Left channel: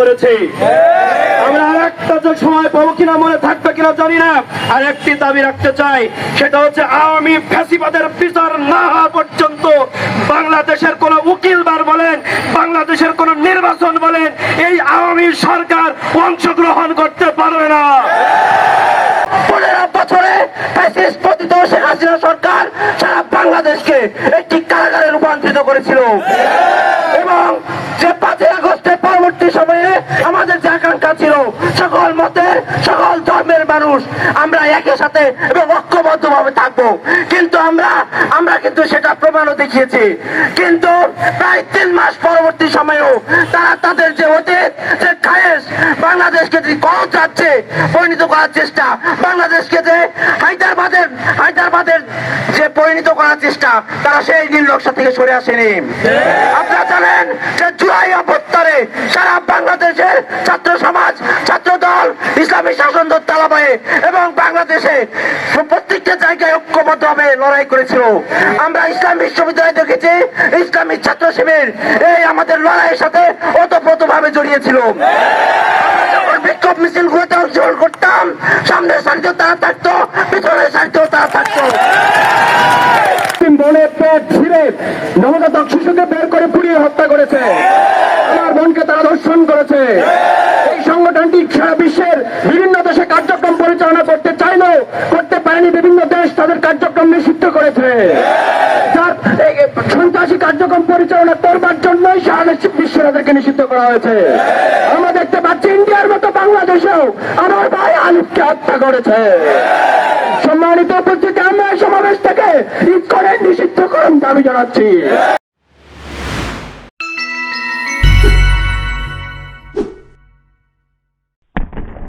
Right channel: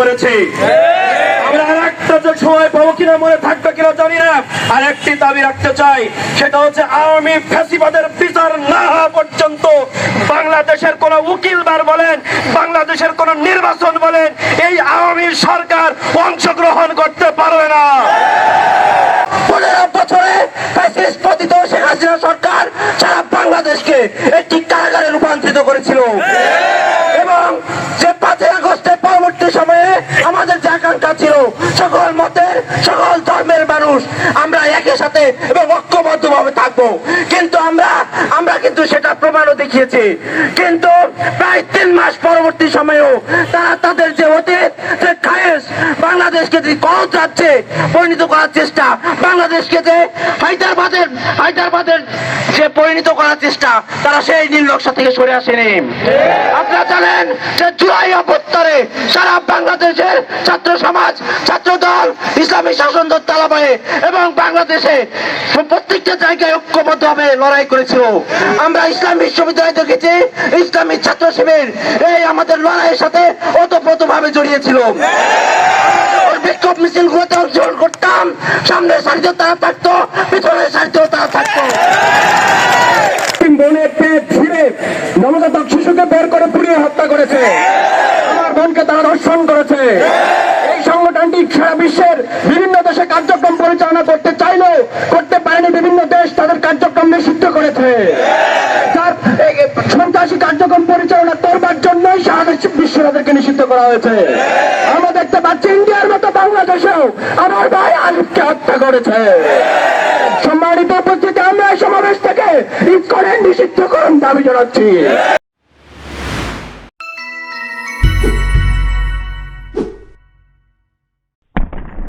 করেছে। আমরা আরেকটা যে সময় পাবো কিনা মনে থাকবে কিনা জানি না, আরেকটি দাবি রাখতে চাই, সেটা হচ্ছে আওয়ামী ফ্যাসিবাদের বিচার না হওয়া পর্যন্ত বাংলাদেশের কোন উকিল বার বলেন, বাংলাদেশের কোন নির্বাচন বলেন, এই আওয়ামী সরকার অংশগ্রহণ করতে পারবে না। 15 বছরে ফ্যাসিস্ট পতিত শেখ হাসিনা সরকার সারা বাংলাদেশকে একটি কারাগারে রূপান্তরিত করেছিল এবং যে 5 আগস্টের পরবর্তী সময়ে আমাদের যে আকাঙ্ক্ষা ছিল সকল মতের সকল ধর্মের মানুষ আমরা একই সাথে এবং ঐক্যবদ্ধভাবে থাকবো, কিন্তু আমরা কিন্তু সেটা প্রমাণও দেখিয়েছি। কিন্তু প্রায় 3 মাস পরবর্তী সময়েও তারা তাদের যে অতীত যে খায়েশ বাংলাদেশকে যে গণরাজ্যে পরিণত করার চেষ্টা, বাংলাদেশকে যে হায়দ্রাবাদের যে পরিণত করার চেষ্টা, তারা সেই নীল নকশা থেকে সরে আসেনি। আপনারা জানেন যে জুলাই অভ্যুত্থানে সারা বাংলাদেশের ছাত্র সমাজ, ছাত্র দল, ইসলামী শাসনদল তালাবায়ে এবং বাংলাদেশে প্রত্যেকটা জায়গায় ঐক্যবদ্ধভাবে লড়াই করেছিল। আমরা ইসলাম বিশ্ববিদ্যালয় দেখেছি, ইসলামী ছাত্র শিবির এই আমাদের লড়াইয়ের সাথে ওতপ্রোতভাবে জড়িয়েছিল। বিক্ষোভ মিছিল গুলোতে অংশগ্রহণ করতাম, সামনের সারিতেও তারা থাকতো, পিছনের সারিতেও তারা থাকতো। বোনের পেট ছিঁড়ে নবজাতক শিশুকে বের করে পুড়িয়ে হত্যা করেছে, আমার বোনকে তারা ধর্ষণ করেছে। এই সংগঠনটি সারা বিশ্বের বিভিন্ন দেশে কার্যক্রম পরিচালনা করতে চাইলেও করতে পারেনি, বিভিন্ন দেশ তাদের কার্যক্রম নিষিদ্ধ করেছে। সন্ত্রাসী কার্যক্রম পরিচালনা করবার জন্যই সারা বিশ্বে তাদেরকে নিষিদ্ধ করা হয়েছে। আমরা দেখতে পাচ্ছি ইন্ডিয়ার মতো বাংলাদেশেও আমার ভাই আলিফকে হত্যা করেছে। সম্মানিত উপস্থিতি, আমরা এই সমাবেশ থেকে ইসকনের নিষিদ্ধকরণ দাবি জানাচ্ছি।